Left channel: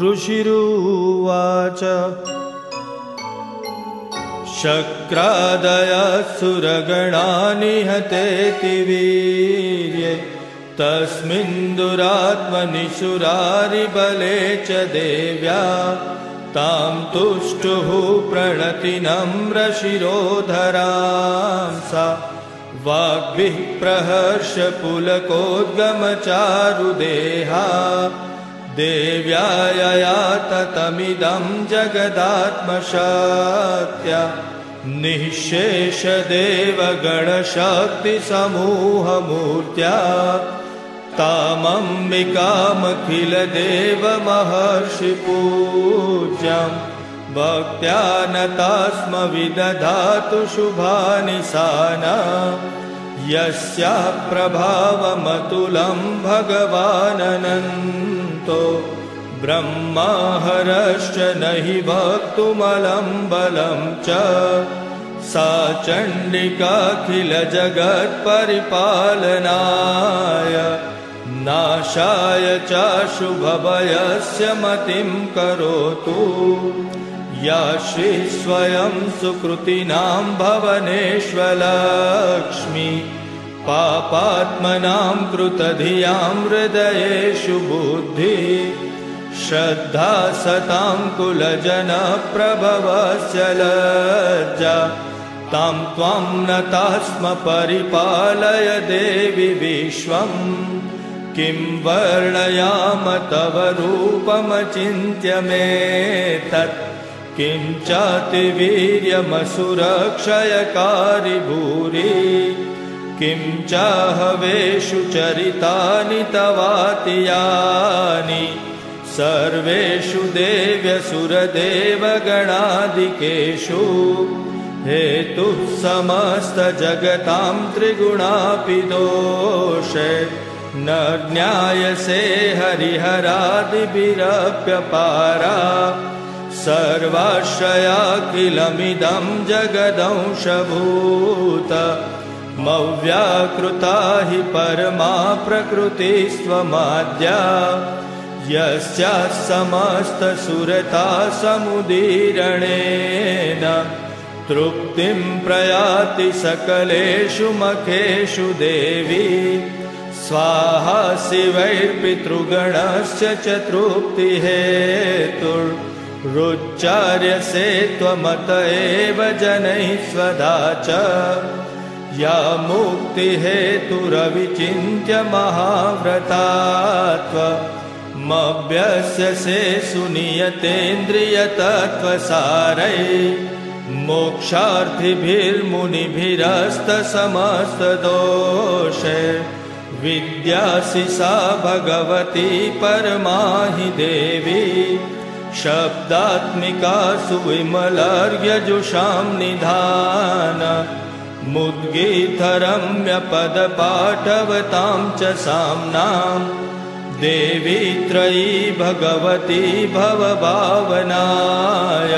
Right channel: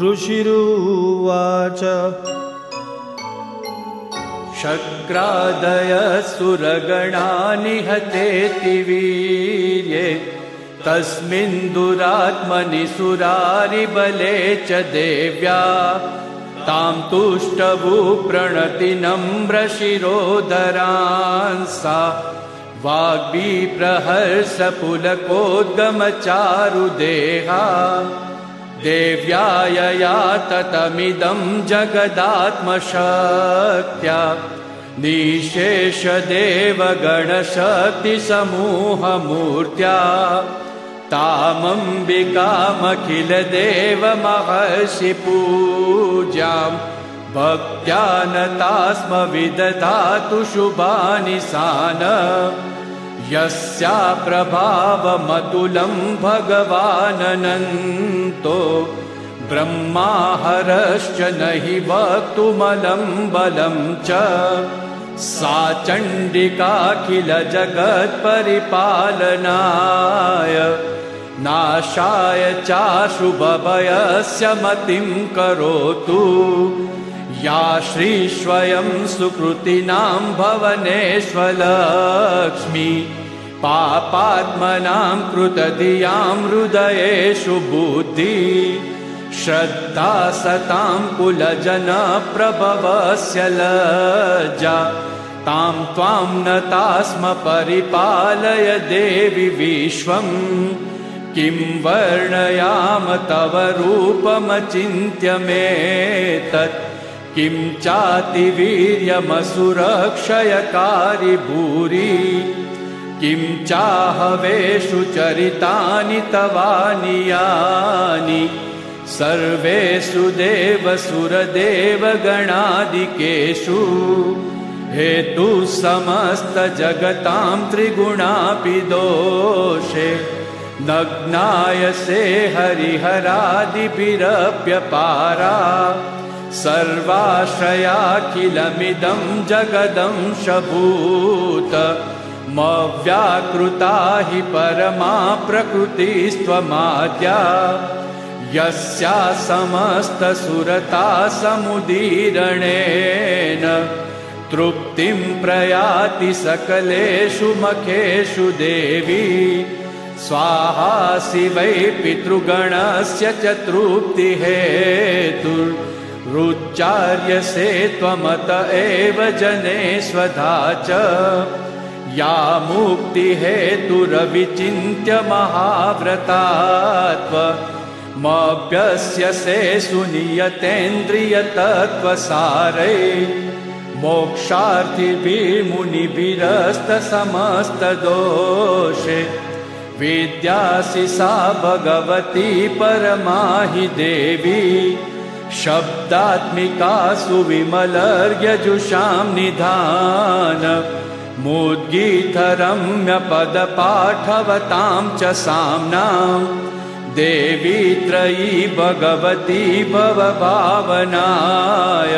ऋषिरुवाच शक्रादयसुरगणा निहतेति वीर्ये तस्मिन् दुरात्मनि सुरारिबले च देव्या तां तुष्टभूः प्रणतिनम्रशिरोधरा सा वाग्भिप्रहर्षपुलकोद्गमचारुदेहा देव्या यया ततमिदं जगदात्मशक्त्या निःशेषदेवगणशक्तिसमूहमूर्त्या तामम्बिकामखिलदेवमहर्षिपूज्यां भक्त्या नतास्म विदधातु शुभानि सानम् यस्या प्रभावमतुलं भगवाननन्तो ब्रह्माहरश्च न हि वक्तुमलं बलं च सा चण्डिकाखिल जगत्परिपालनाय नाशाय चाशुभभयस्य मतिं करोतु या श्रीस्वयं सुकृतिनां भवनेष्वलक्ष्मी पापात्मनां कृतधियां हृदयेषु बुद्धि श्रद्धा सतां कुलजनप्रभवस्य लज्जा तां त्वां नतास्म परिपालय देवि विश्वम् किं वर्णयाम तव रूपमचिन्त्यमेतत् किं चातिवीर्यमसुरक्षयकारि भूरि किं चाहवेषु चरितानि तवानियानि सर्वेषु देवसुरदेवगणादिकेषु हेतु समस्त जगतां त्रिगुणापि दोषे न ज्ञायसे हरिहरादिभिरप्यपारा सर्वाश्रया किलमिदं जगदंशभूत मव्याकृता हि परमा प्रकृतिस्त्वमाद्या यस्या समस्तसुरता समुदीरणेन तृप्तिं प्रयाति सकलेषु मखेषु देवी स्वाहासि वै पितृगणस्य च तृप्तिहेतुरुच्चार्यसे त्वमत एव जनैस्वधा च या मुक्तिहेतुरविचिन्त्य महाव्रतात्वमभ्यस्यसे सुनियतेन्द्रियतत्त्वसारै मोक्षार्थिभिर्मुनिभिरस्तसमस्तदोषे विद्यासि सा भगवती परमा हि देवी शब्दात्मिका सुविमलर्यजुषां निधान मुद्गीधरम्यपदपाठवतां च साम्नां देवी त्रयी भगवती भवभावनाय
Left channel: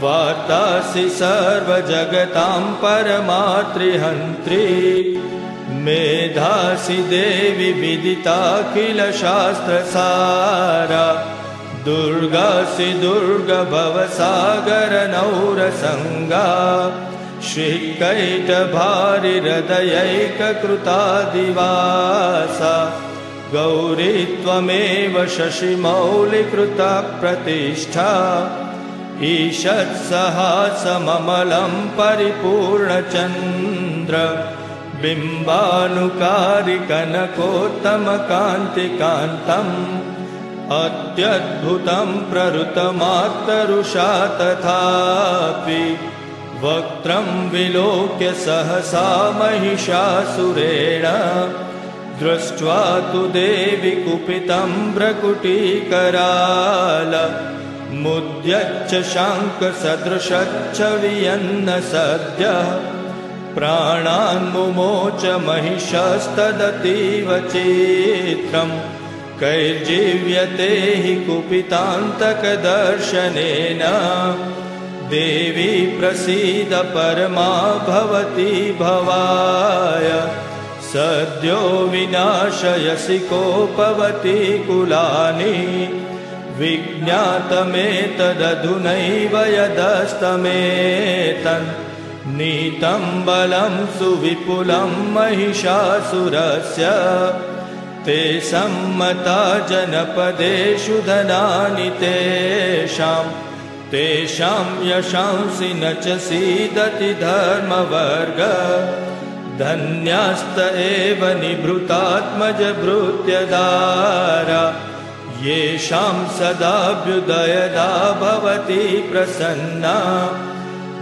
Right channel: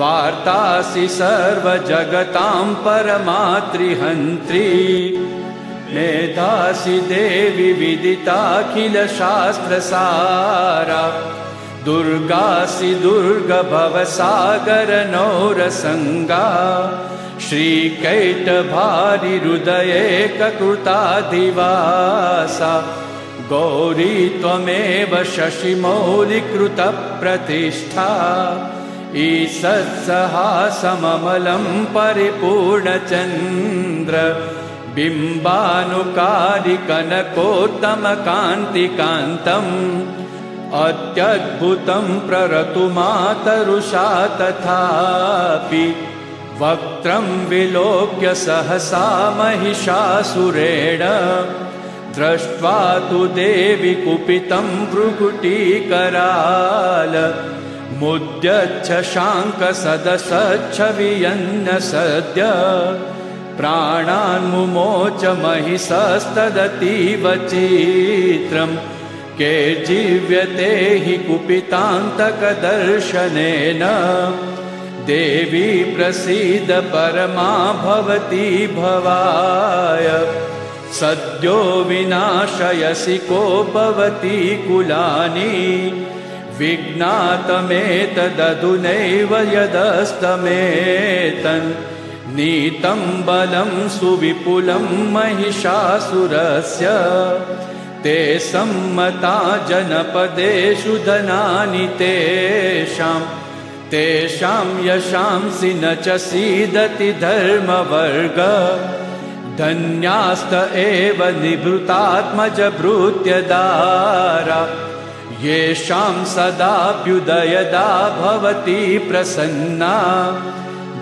वार्तासि सर्वजगतां परमात्रिहन्त्री मेधासि देवी विदिताखिलशास्त्रसारा दुर्गासि दुर्गभवसागरनौरसङ्गा श्रीकैटभारिहृदयैककृतादिवासा गौरी त्वमेव शशिमौलिकृता प्रतिष्ठा ईषत्सहासममरं परिपूर्णचन्द्र बिम्बानुकारि कनकोत्तमकान्तिकान्तम् अत्यद्भुतं प्ररतुमातरुषा तथापि वक्त्रं विलोक्य सहसा महिषासुरेण दृष्ट्वा तु देवि कुपितं भ्रुकुटीकराल मुद्यच्छ शाङ्कसदशच्छवियन्न सद्य प्राणान्मुमोच महिषस्तदतीव चित्रम् कैर्जीव्यते हि कुपितान्तकदर्शनेन देवी प्रसीद परमा भवती भवाय सद्यो विनाशयसि को भवती कुलानि विज्ञातमेतदधुनैव यदस्तमेतन् नीतं बलं सुविपुलं महिषासुरस्य ते सम्मता जनपदेषु धनानि तेषां यशांसि न च सीदति धर्मवर्ग धन्यास्त एव निभृतात्मजभृत्यदारा येषां सदाभ्युदयदा भवति प्रसन्ना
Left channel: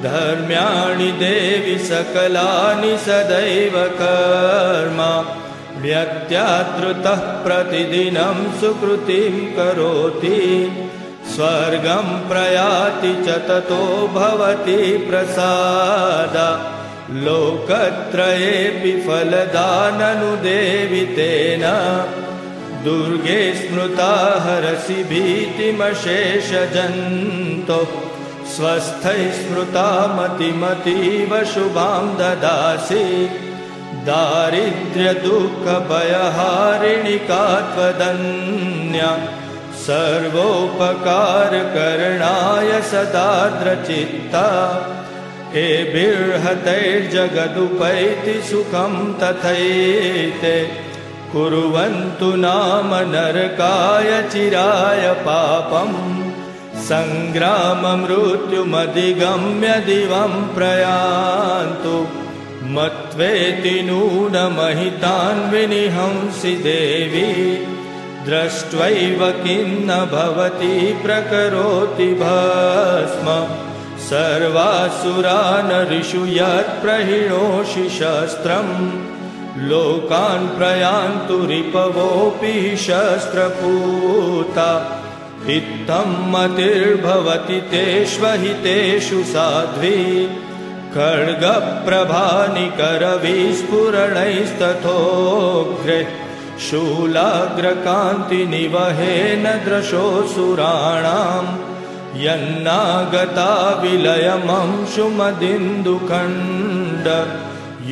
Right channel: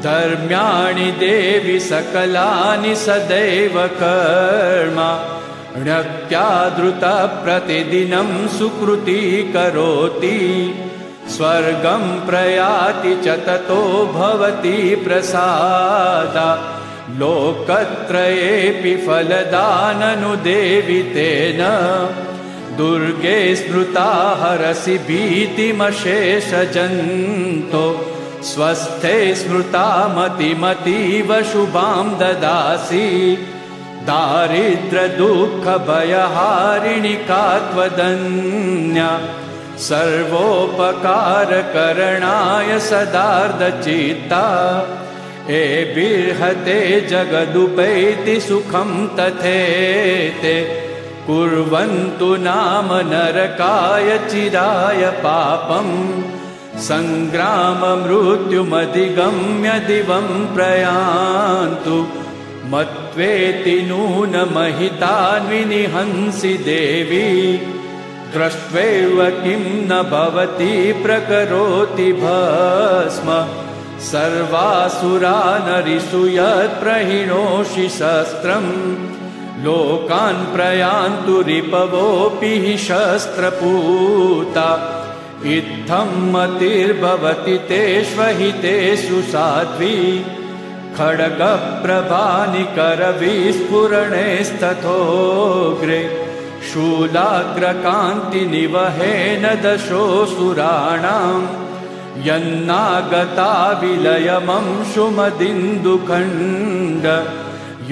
धर्म्याणि देवि सकलानि सदैव कर्म ह्यत्यादृतः प्रतिदिनं सुकृती करोति स्वर्गं प्रयाति च ततो भवति प्रसादा लोकत्रयेऽपि फलदाननुदेवि तेन दुर्गे स्मृता हरसि भीतिमशेषजन्तो स्वस्थे स्मृता मतिमतीव शुभां ददासि दारिद्र्यदुःखभयहारिणि का त्वदन्या सर्वोपकारकरणाय सदार्धचित्ता एभिर्हते जगदुपैति सुखं तथेते कुर्वन्तु नाम नरकाय चिराय पापम् सङ्ग्राममृत्युमधिगम्य दिवं प्रयान्तु मत्वेति नूनमहितान्विनिहंसि देवी दृष्ट्वैव किन्न भवति प्रकरोति भस्म सर्वासुरानरिषु यत्प्रहिणोषि शस्त्रम् लोकान् प्रयान्तु रिपवोऽपि हि शस्त्रपूता इत्थं मतिर्भवति तेष्वहितेषु साध्वी खड्गप्रभानिकरविस्फुरणैस्तथोग्रे शूलाग्रकान्तिनिवहेन दशोऽसुराणां यन्नागता विलयमंशुमदिन्दुखण्ड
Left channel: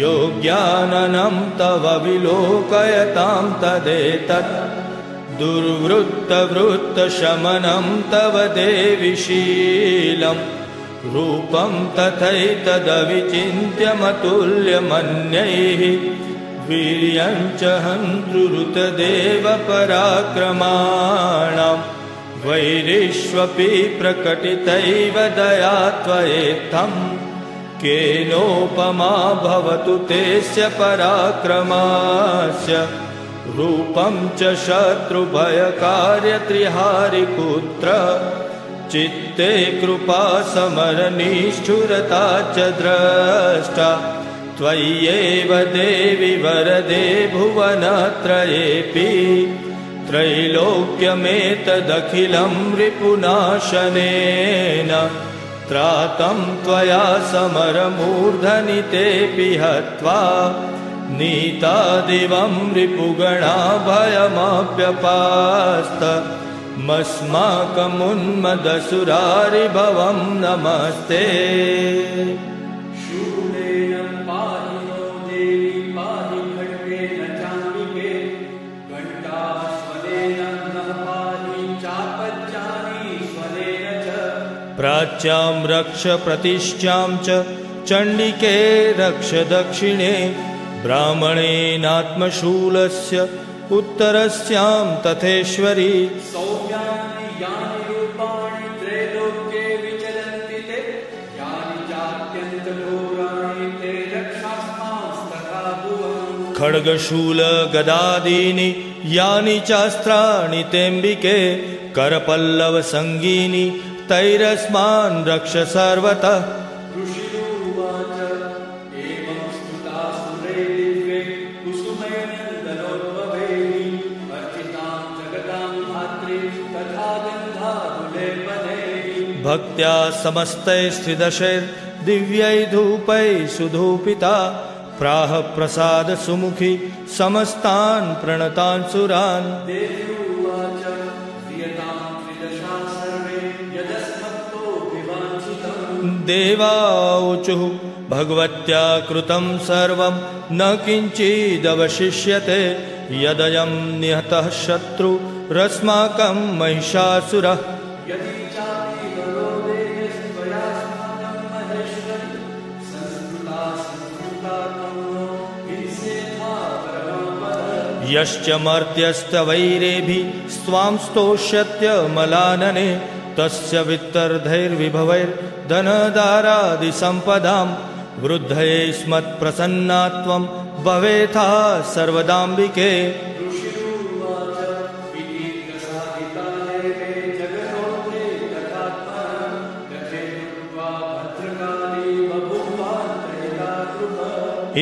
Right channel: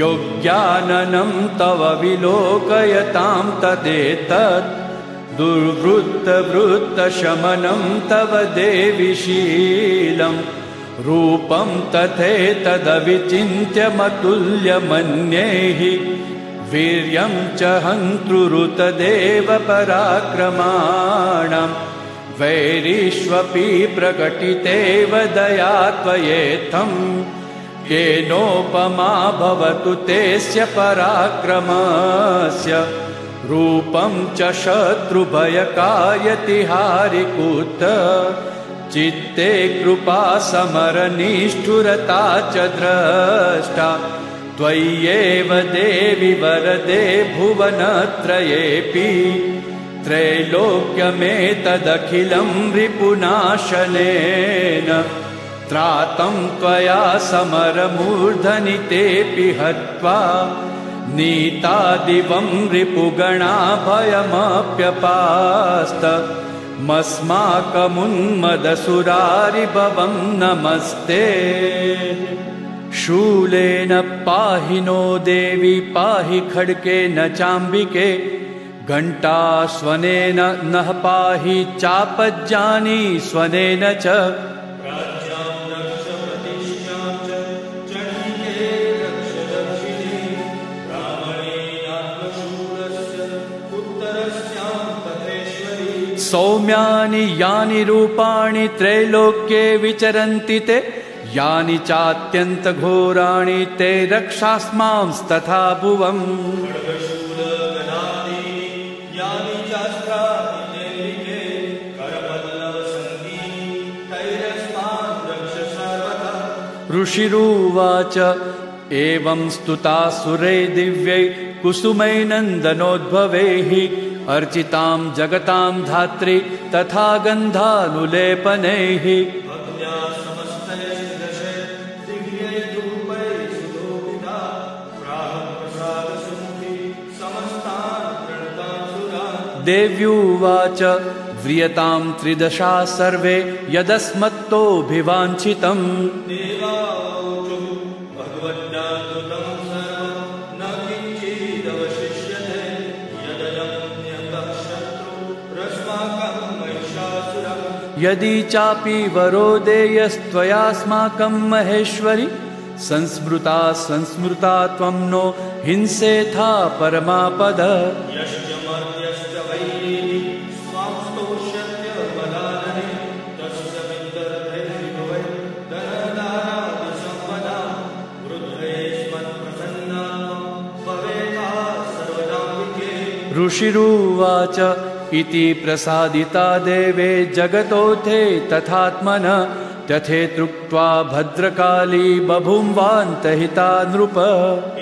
योग्याननं तव विलोकयतां तदेतत् दुर्वृत्तवृत्तशमनं तव देवि शीलं रूपं तथैतदविचिन्त्यमतुल्यमन्यैः वीर्यं च हन्तृरुतदेव पराक्रमाणां वैरिष्वपि प्रकटितैव दया त्वयेत्थम् केनोपमा भवतु तेस्य पराक्रमस्य रूपं च शत्रुभयकायति हारिपुत्र चित्ते कृपा समरनिष्ठुरता च द्रष्टा त्वय्येव देवि वरदे भुवनत्रयेऽपि त्रैलोक्यमेतदखिलं रिपुनाशनेन त्रातं त्वया समरमूर्धनि तेऽपि हत्वा नीता दिवं रिपुगणा भयमप्यपास्त मस्माकमुन्मदसुरारिभवं नमस्ते शूलेन पाहि नो देवी पाहि खड्गेन चाम्बिके घण्टा स्वनेन नः पाहि चापज्जानी स्वनेन च प्राच्यां रक्ष प्रतिष्ठां च चण्डिके रक्ष दक्षिणे ब्राह्मणेनात्मशूलस्य उत्तरस्यां तथेश्वरी सौम्यानि यानि रूपाणि त्रैलोक्ये विचरन्ति ते यानि चात्यन्तघोराणि ते रक्षास्मांस्तथा भुवम् खड्गशूल गदादीनि यानि चास्त्राणि तेऽम्बिके करपल्लव संगीनि तैरस्मान् रक्ष सर्वतः ऋषिरुवाच एवं स्तुता सुरै दिव्यै कुसुमैनन्दनोद्भवैः अर्चितां जगतां धात्री तथा गन्धानुलेपनैः भक्त्या समस्तैस्त्रिदशै दिव्यै धूपै सुधूपिता प्राह प्रसाद सुमुखी समस्तान् प्रणतान् सुरान् देव्युवाच व्रियतां त्रिदशा सर्वे यदस्मत्तोऽभिवाञ्छितं देवाऊचुः भगवत्या कृतं सर्वं न किञ्चिदवशिष्यते यदयं निहतः शत्रु रस्माकं महिषासुरः यदि चापि वरो देयस्त्वयास्माकं महेश्वरि संस्मृता त्वं नो हिंसेथा परमापद यश्च मर्त्यस्तवैरेभिः स्वां स्तोष्यत्यमलानने तस्य वित्तर्धैर्विभवैर्धनदारादिसम्पदां वृद्धये स्मत्प्रसन्ना त्वं भवेथा सर्वदाम्बिके। ऋषिरुवाच इति प्रसादिता देवे जगतोऽथे तथात्मनः तथेत्युक्त्वा भद्रकाली बभूवान्तहिता नृप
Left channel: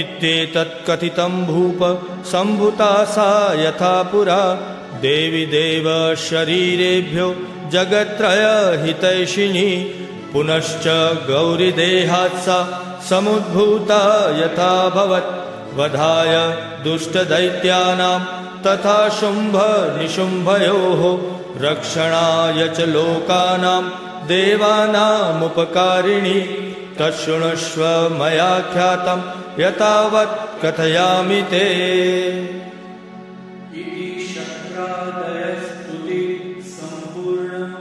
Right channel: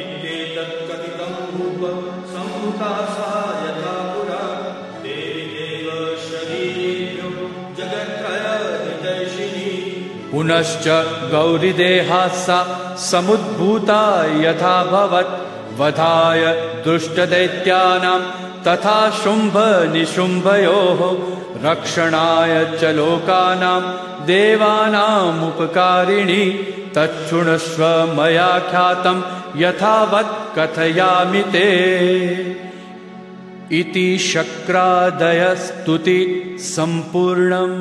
इत्येतत् कथितं भूप सम्भूता सा यथा पुरा देवी देव शरीरेभ्यो जगत्त्रयहितैषिणी पुनश्च गौरीदेहात् सा समुद्भूता यथाभवत् वधाय दुष्टदैत्यानां तथा शुम्भ निशुम्भयोः रक्षणाय च लोकानां देवानामुपकारिणी तच्छृणुष्व मया ख्यातं यथावत् कथयामि ते। इति शक्रादयस्तुति सम्पूर्णम्।